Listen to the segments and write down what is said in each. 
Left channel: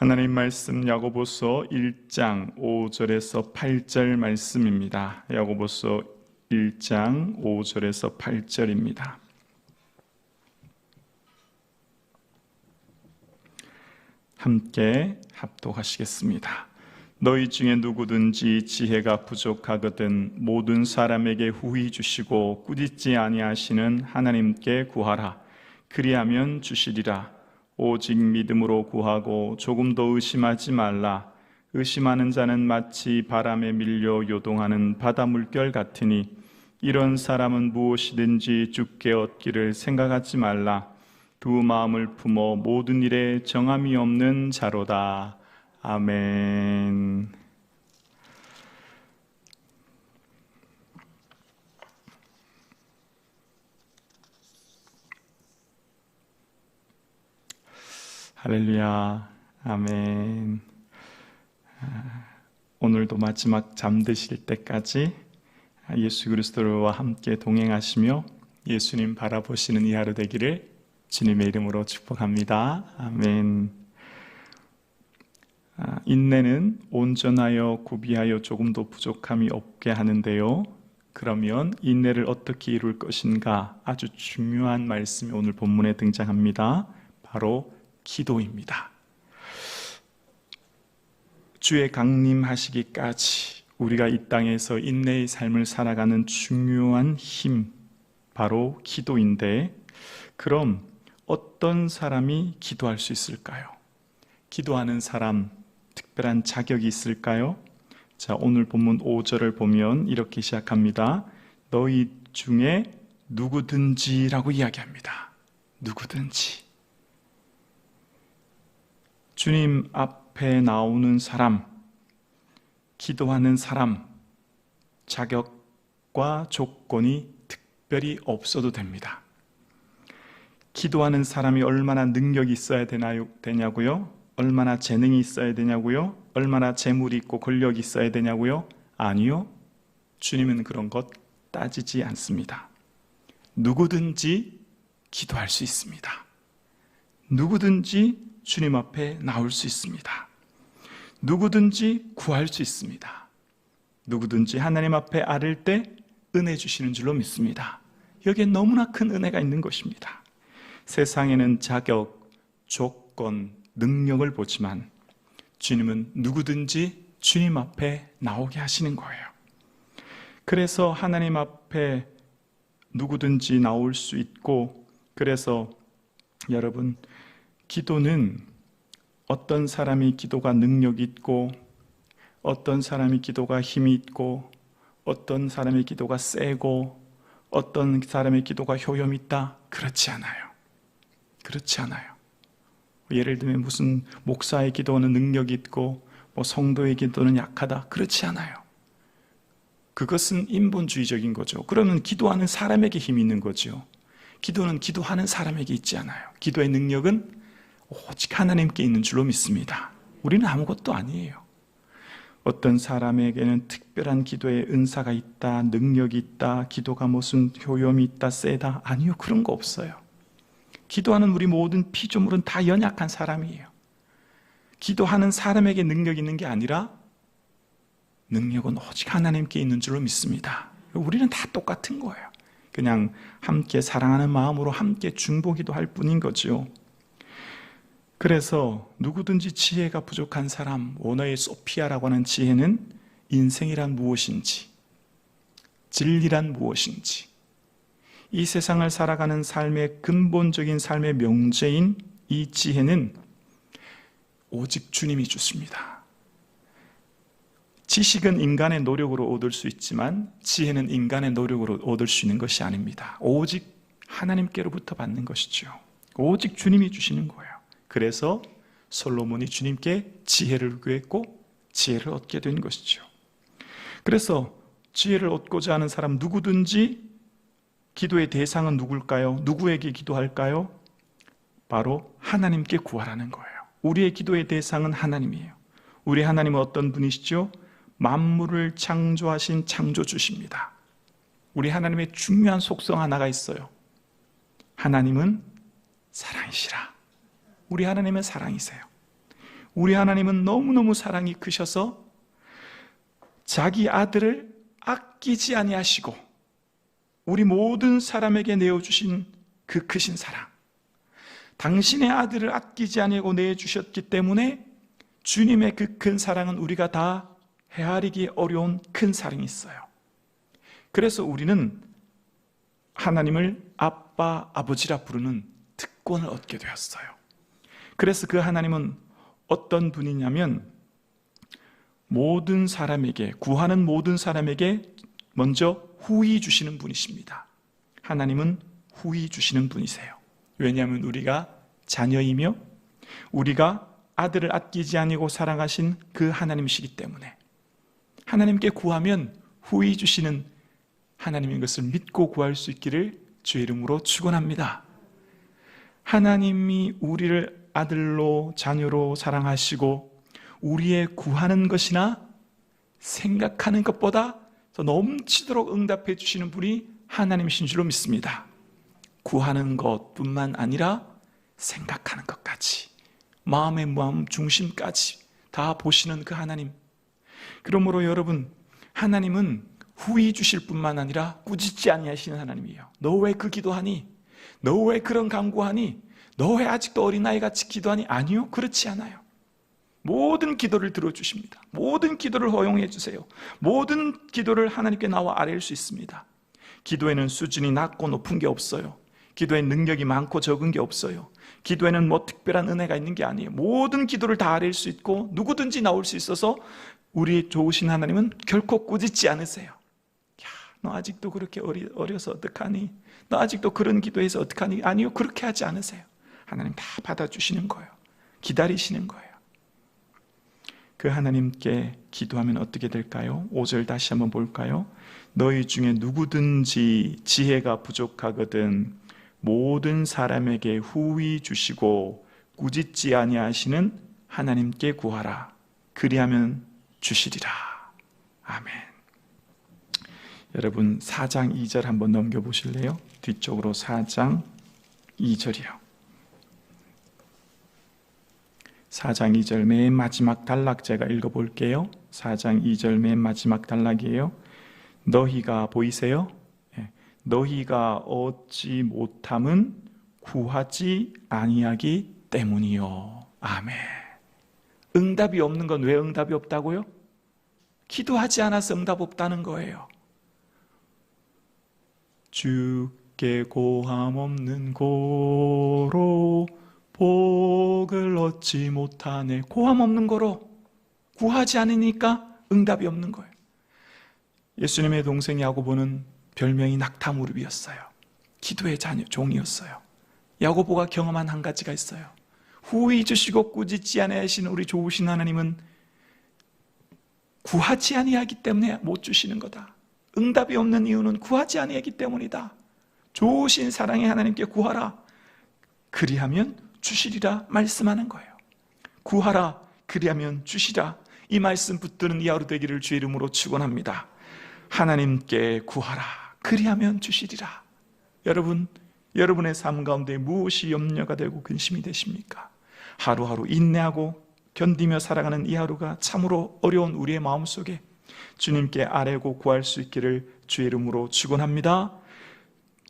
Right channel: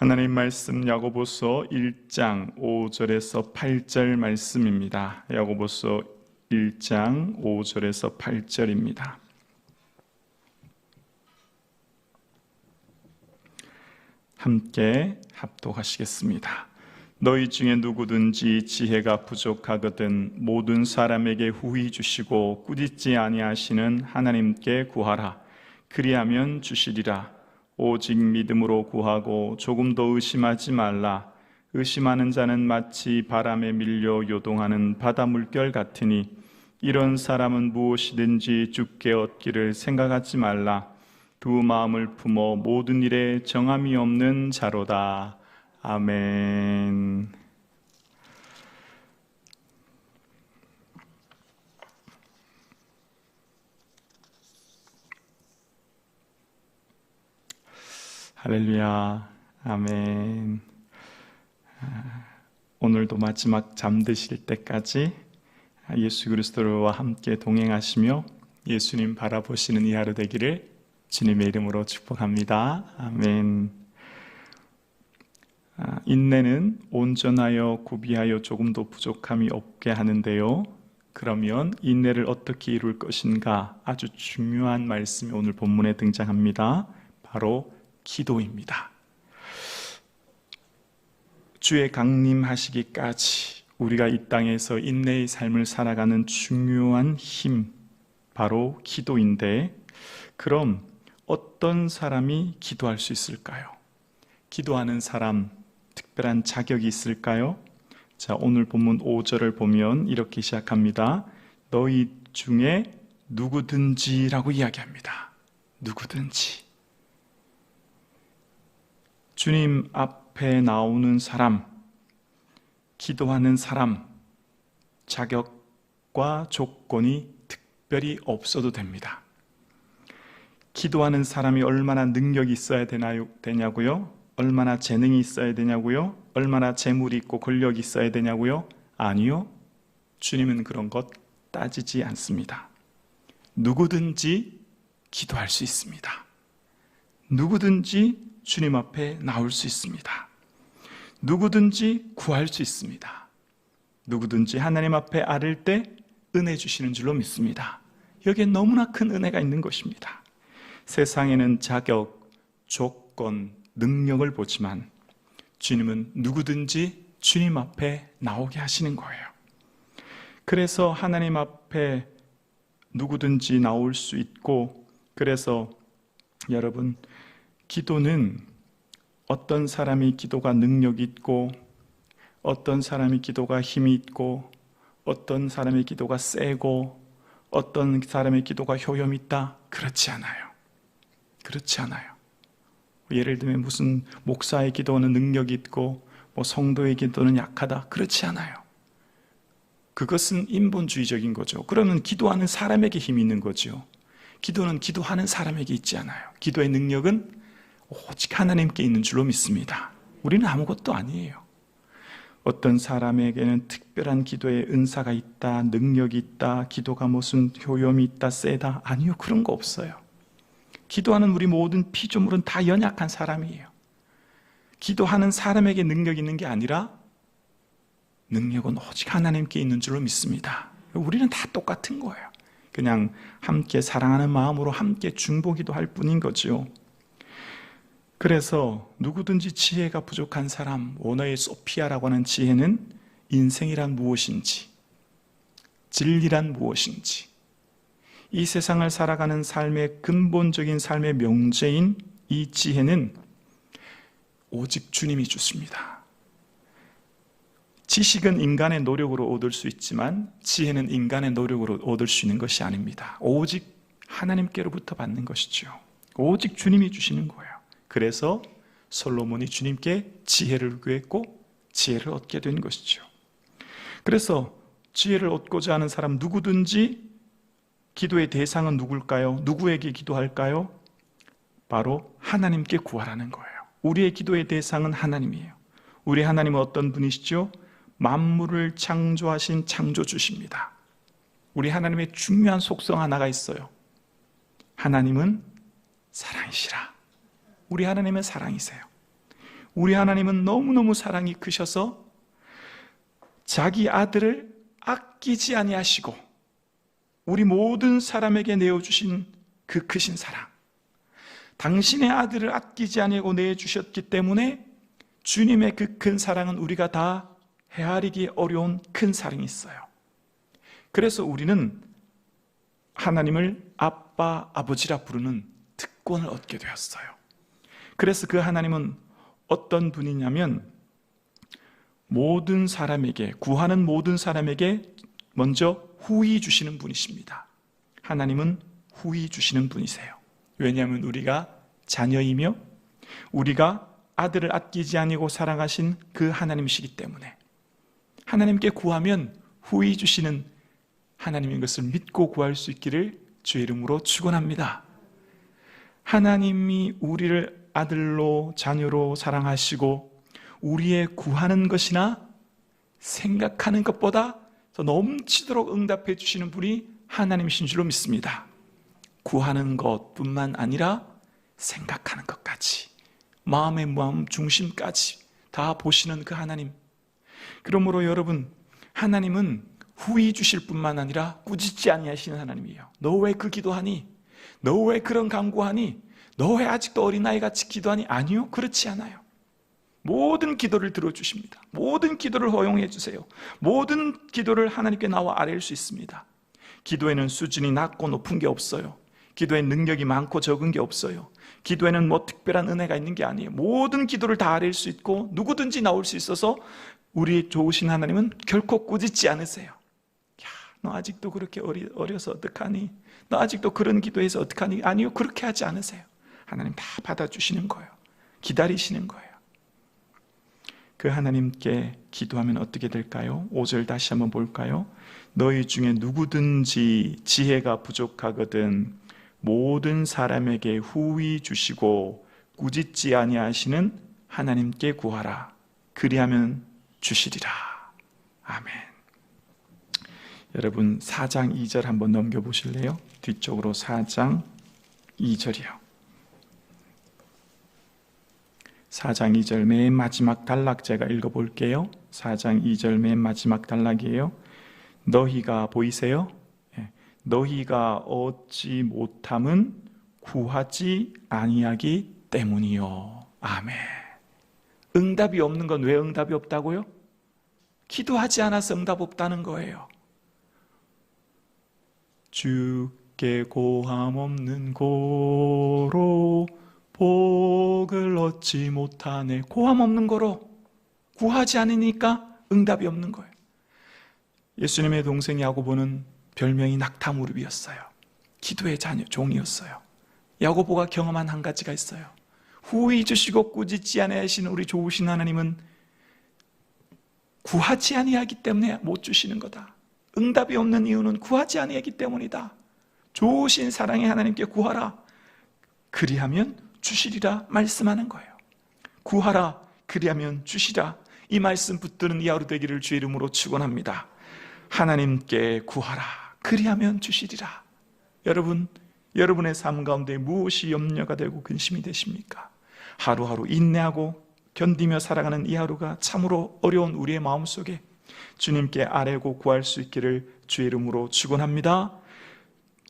하나님 말씀 야고보서 1장 5절에서 8절 말씀입니다. 야고보서 1장 5절에서 8절입니다. 함께 합독하시겠습니다. 너희 중에 누구든지 지혜가 부족하거든 모든 사람에게 후히 주시고 꾸짖지 아니하시는 하나님께 구하라. 그리하면 주시리라. 오직 믿음으로 구하고 조금도 의심하지 말라. 의심하는 자는 마치 바람에 밀려 요동하는 바다 물결 같으니 이런 사람은 무엇이든지 주께 얻기를 생각하지 말라. 두 마음을 품어 모든 일에 정함이 없는 자로다. 아멘. 할렐루야. 아멘. 오늘도 마지막 잠드실 때까지 예수 그리스도와 함께 동행하시며 예수님 바라보시는 이 하루 되기를 주님의 이름으로 축복합니다. 아멘. 인내는 온전하여 구비하여 조금도 부족함이 없게 하는데요. 그러면 인내를 어떻게 이룰 것인가? 아주 중요한 말씀이 오늘 본문에 등장합니다. 바로 기도입니다. 주의 강림하시기까지 우리가 이 땅에서 인내의 삶을 살아가는 중요한 힘, 바로 기도인데, 그럼 어떤 사람이 기도할 수 있을까요? 기도하는 사람, 특별한 자격이 있을까요? 자, 오늘 본문 5절을 보면 이렇게 시작합니다. 너희 중에 누구든지라고 이야기합니다. 누구든지. 주님 앞에 나오는 사람, 기도하는 사람, 자격과 조건이 특별히 없어도 됩니다. 기도하는 사람이 얼마나 능력이 있어야 되냐고요? 얼마나 재능이 있어야 되냐고요? 얼마나 재물이 있고 권력이 있어야 되냐고요? 아니요. 주님은 그런 것 따지지 않습니다. 누구든지 기도할 수 있습니다. 누구든지 주님 앞에 나올 수 있습니다. 누구든지 구할 수 있습니다. 누구든지 하나님 앞에 아를 때 은혜 주시는 줄로 믿습니다. 여기에 너무나 큰 은혜가 있는 것입니다. 세상에는 자격, 조건, 능력을 보지만 주님은 누구든지 주님 앞에 나오게 하시는 거예요. 그래서 하나님 앞에 누구든지 나올 수 있고, 그래서 여러분, 기도는 어떤 사람이 기도가 능력이 있고, 어떤 사람이 기도가 힘이 있고, 어떤 사람의 기도가 세고, 어떤 사람의 기도가 효염이 있다? 그렇지 않아요. 그렇지 않아요. 예를 들면 무슨 목사의 기도는 능력이 있고 성도의 기도는 약하다. 그렇지 않아요. 그것은 인본주의적인 거죠. 그러면 기도하는 사람에게 힘이 있는 거죠. 기도는 기도하는 사람에게 있지 않아요. 기도의 능력은 오직 하나님께 있는 줄로 믿습니다. 우리는 아무것도 아니에요. 어떤 사람에게는 특별한 기도의 은사가 있다, 능력이 있다, 기도가 무슨 효염이 있다, 세다. 아니요, 그런 거 없어요. 기도하는 우리 모든 피조물은 다 연약한 사람이에요. 기도하는 사람에게 능력이 있는 게 아니라 능력은 오직 하나님께 있는 줄로 믿습니다. 우리는 다 똑같은 거예요. 그냥 함께 사랑하는 마음으로 함께 중보기도할 뿐인 거죠. 그래서 누구든지 지혜가 부족한 사람, 원어의 소피아라고 하는 지혜는 인생이란 무엇인지, 진리란 무엇인지, 이 세상을 살아가는 삶의 근본적인 삶의 명제인 이 지혜는 오직 주님이 주십니다. 지식은 인간의 노력으로 얻을 수 있지만 지혜는 인간의 노력으로 얻을 수 있는 것이 아닙니다. 오직 하나님께로부터 받는 것이죠. 오직 주님이 주시는 거예요. 그래서 솔로몬이 주님께 지혜를 구했고 지혜를 얻게 된 것이죠. 그래서 지혜를 얻고자 하는 사람 누구든지 기도의 대상은 누굴까요? 누구에게 기도할까요? 바로 하나님께 구하라는 거예요. 우리의 기도의 대상은 하나님이에요. 우리 하나님은 어떤 분이시죠? 만물을 창조하신 창조주십니다. 우리 하나님의 중요한 속성 하나가 있어요. 하나님은 사랑이시라. 우리 하나님은 사랑이세요. 우리 하나님은 너무너무 사랑이 크셔서 자기 아들을 아끼지 아니하시고 우리 모든 사람에게 내어주신 그 크신 사랑, 당신의 아들을 아끼지 아니하고 내주셨기 때문에 주님의 그 큰 사랑은 우리가 다 헤아리기 어려운 큰 사랑이 있어요. 그래서 우리는 하나님을 아빠, 아버지라 부르는 특권을 얻게 되었어요. 그래서 그 하나님은 어떤 분이냐면 모든 사람에게, 구하는 모든 사람에게 먼저 후히 주시는 분이십니다. 하나님은 후히 주시는 분이세요. 왜냐하면 우리가 자녀이며 우리가 아들을 아끼지 아니고 사랑하신 그 하나님이시기 때문에 하나님께 구하면 후히 주시는 하나님인 것을 믿고 구할 수 있기를 주의 이름으로 축원합니다. 하나님이 우리를 아들로 자녀로 사랑하시고 우리의 구하는 것이나 생각하는 것보다 더 넘치도록 응답해 주시는 분이 하나님이신 줄로 믿습니다. 구하는 것뿐만 아니라 생각하는 것까지, 마음의 마음 중심까지 다 보시는 그 하나님. 그러므로 여러분, 하나님은 후히 주실 뿐만 아니라 꾸짖지 아니하시는 하나님이에요. 너 왜 그 기도하니? 너 왜 그런 간구하니? 너 왜 아직도 어린아이같이 기도하니? 아니요, 그렇지 않아요. 모든 기도를 들어주십니다. 모든 기도를 허용해 주세요. 모든 기도를 하나님께 나와 아뢰일 수 있습니다. 기도에는 수준이 낮고 높은 게 없어요. 기도에 능력이 많고 적은 게 없어요. 기도에는 뭐 특별한 은혜가 있는 게 아니에요. 모든 기도를 다 아뢰일 수 있고 누구든지 나올 수 있어서 우리 좋으신 하나님은 결코 꾸짖지 않으세요. 야, 너 아직도 그렇게 어려서 어떡하니? 너 아직도 그런 기도해서 어떡하니? 아니요, 그렇게 하지 않으세요. 하나님 다 받아주시는 거예요. 기다리시는 거예요. 그 하나님께 기도하면 어떻게 될까요? 5절 다시 한번 볼까요? 너희 중에 누구든지 지혜가 부족하거든 모든 사람에게 후히 주시고 꾸짖지 아니하시는 하나님께 구하라. 그리하면 주시리라. 아멘. 여러분 4장 2절 한번 넘겨보실래요? 뒤쪽으로 4장 2절이요. 4장 2절 맨 마지막 단락 제가 읽어볼게요. 4장 2절 맨 마지막 단락이에요. 너희가 보이세요? 너희가 얻지 못함은 구하지 아니하기 때문이요. 아멘. 응답이 없는 건 왜 응답이 없다고요? 기도하지 않아서 응답 없다는 거예요. 주께 고함 없는 고로 복을 얻지 못하네. 고함 없는 거로 구하지 않으니까 응답이 없는 거예요. 예수님의 동생 야고보는 별명이 낙타무릎이었어요. 기도의 자녀, 종이었어요. 야고보가 경험한 한 가지가 있어요. 후히 주시고 꾸짖지 아니하시는 우리 좋으신 하나님은 구하지 아니하기 때문에 못 주시는 거다. 응답이 없는 이유는 구하지 아니하기 때문이다. 좋으신 사랑의 하나님께 구하라. 그리하면 주시리라 말씀하는 거예요. 구하라. 그리하면 주시라. 이 말씀 붙드는 이 하루 되기를 주의 이름으로 축원합니다. 하나님께 구하라. 그리하면 주시리라. 여러분, 여러분의 삶 가운데 무엇이 염려가 되고 근심이 되십니까? 하루하루 인내하고 견디며 살아가는 이 하루가 참으로 어려운 우리의 마음속에 주님께 아뢰고 구할 수 있기를 주의 이름으로 축원합니다.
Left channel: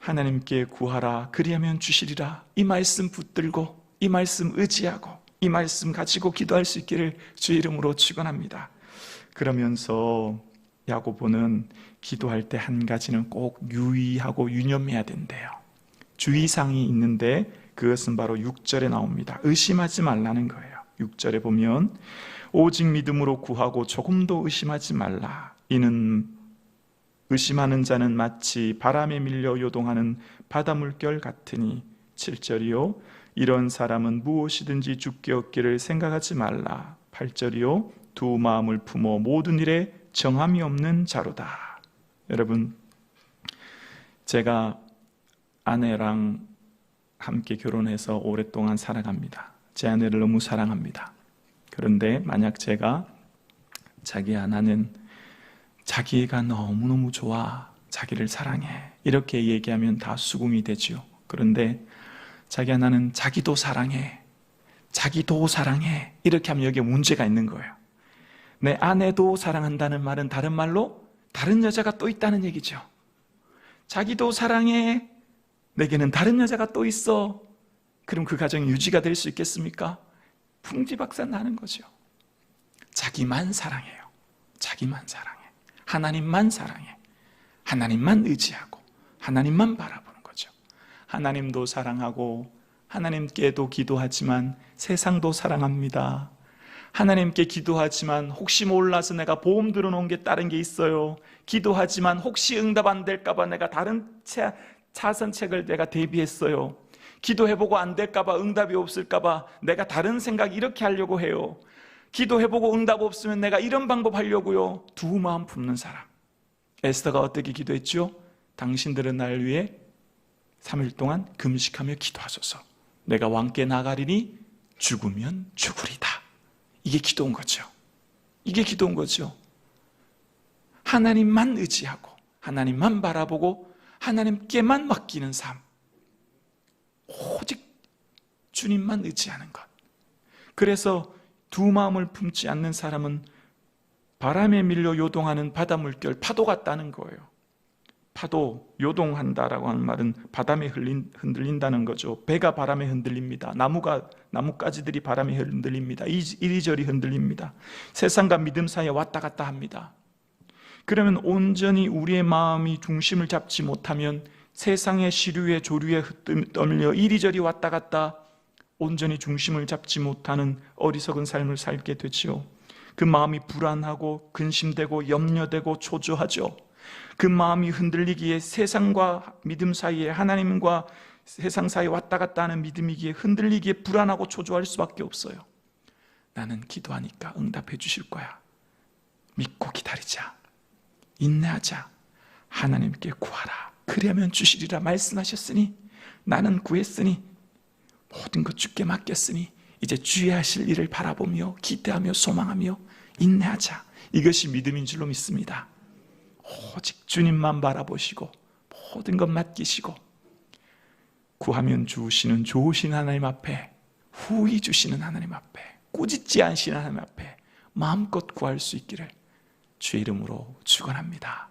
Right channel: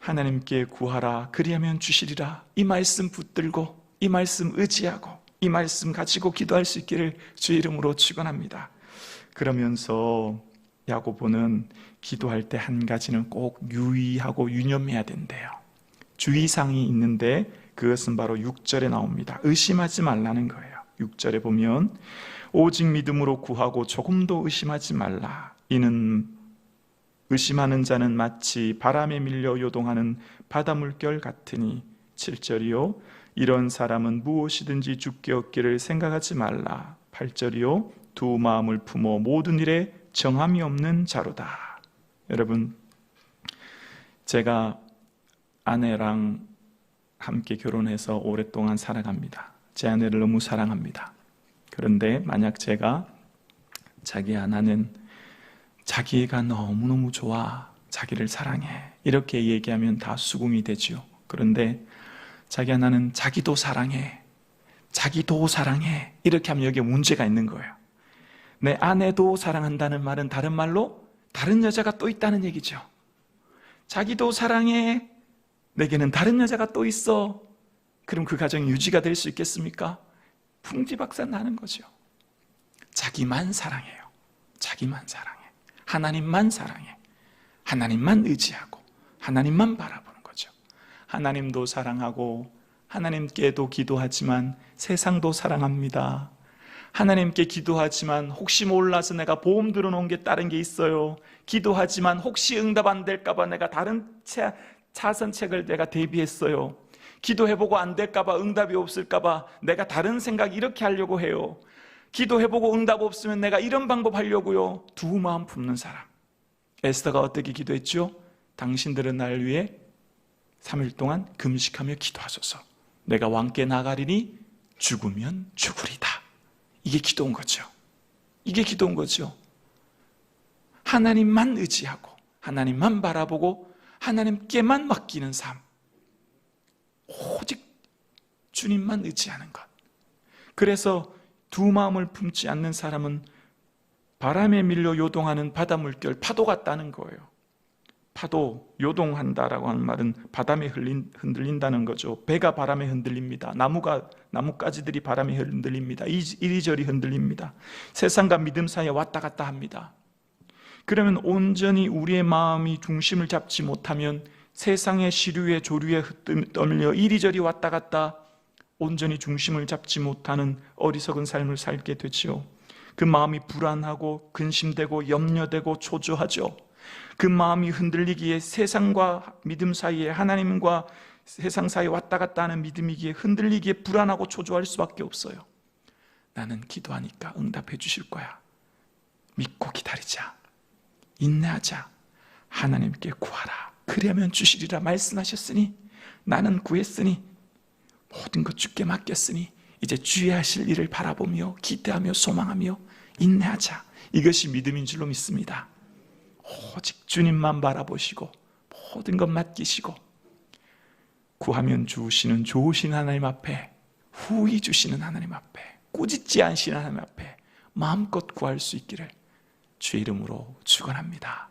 하나님께 구하라. 그리하면 주시리라. 이 말씀 붙들고 이 말씀 의지하고 이 말씀 가지고 기도할 수 있기를 주의 이름으로 축원합니다. 그러면서 야고보는 기도할 때 한 가지는 꼭 유의하고 유념해야 된대요. 주의사항이 있는데 그것은 바로 6절에 나옵니다. 의심하지 말라는 거예요. 6절에 보면 오직 믿음으로 구하고 조금도 의심하지 말라. 이는 의심하는 자는 마치 바람에 밀려 요동하는 바닷물결 같으니. 7절이요. 이런 사람은 무엇이든지 주께 얻기를 생각하지 말라. 8절이요. 두 마음을 품어 모든 일에 정함이 없는 자로다. 여러분, 제가 아내랑 함께 결혼해서 오랫동안 살아갑니다. 제 아내를 너무 사랑합니다. 그런데 만약 제가 자기야 나는 자기가 너무너무 좋아, 자기를 사랑해 이렇게 얘기하면 다 수긍이 되죠. 그런데 자기야 나는 자기도 사랑해, 자기도 사랑해. 이렇게 하면 여기에 문제가 있는 거예요. 내 아내도 사랑한다는 말은 다른 말로 다른 여자가 또 있다는 얘기죠. 자기도 사랑해. 내게는 다른 여자가 또 있어. 그럼 그 가정이 유지가 될 수 있겠습니까? 풍지박산 나는 거죠. 자기만 사랑해요. 자기만 사랑해. 하나님만 사랑해. 하나님만 의지하고 하나님만 바라보는 거죠. 하나님도 사랑하고 하나님께도 기도하지만 세상도 사랑합니다. 하나님께 기도하지만 혹시 몰라서 내가 보험 들어놓은 게 다른 게 있어요. 기도하지만 혹시 응답 안 될까봐 내가 다른 차선책을 내가 대비했어요. 기도해보고 안 될까봐 응답이 없을까봐 내가 다른 생각 이렇게 하려고 해요. 기도해보고 응답 없으면 내가 이런 방법 하려고요. 두 마음 품는 사람. 에스더가 어떻게 기도했죠? 당신들은 나를 위해 3일 동안 금식하며 기도하소서. 내가 왕께 나가리니 죽으면 죽으리다. 이게 기도인 거죠. 이게 기도인 거죠. 하나님만 의지하고 하나님만 바라보고 하나님께만 맡기는 삶. 오직 주님만 의지하는 것. 그래서 두 마음을 품지 않는 사람은 바람에 밀려 요동하는 바다 물결, 파도 같다는 거예요. 파도, 요동한다라고 하는 말은 바람에 흔들린다는 거죠. 배가 바람에 흔들립니다. 나뭇가지들이 바람에 흔들립니다. 이리저리 흔들립니다. 세상과 믿음 사이에 왔다 갔다 합니다. 그러면 온전히 우리의 마음이 중심을 잡지 못하면 세상의 시류에 조류에 떠밀려 이리저리 왔다 갔다 온전히 중심을 잡지 못하는 어리석은 삶을 살게 되지요. 그 마음이 불안하고 근심되고 염려되고 초조하죠. 그 마음이 흔들리기에 세상과 믿음 사이에 하나님과 세상 사이에 왔다 갔다 하는 믿음이기에 흔들리기에 불안하고 초조할 수밖에 없어요. 나는 기도하니까 응답해 주실 거야. 믿고 기다리자. 인내하자. 하나님께 구하라. 그러면 주시리라 말씀하셨으니 나는 구했으니 모든 것 주께 맡겼으니 이제 주의 하실 일을 바라보며 기대하며 소망하며 인내하자. 이것이 믿음인 줄로 믿습니다. 오직 주님만 바라보시고 모든 것 맡기시고 구하면 주시는 좋으신 하나님 앞에 후히 주시는 하나님 앞에 꾸짖지 않으시는 하나님 앞에 마음껏 구할 수 있기를 주의 이름으로 축원합니다.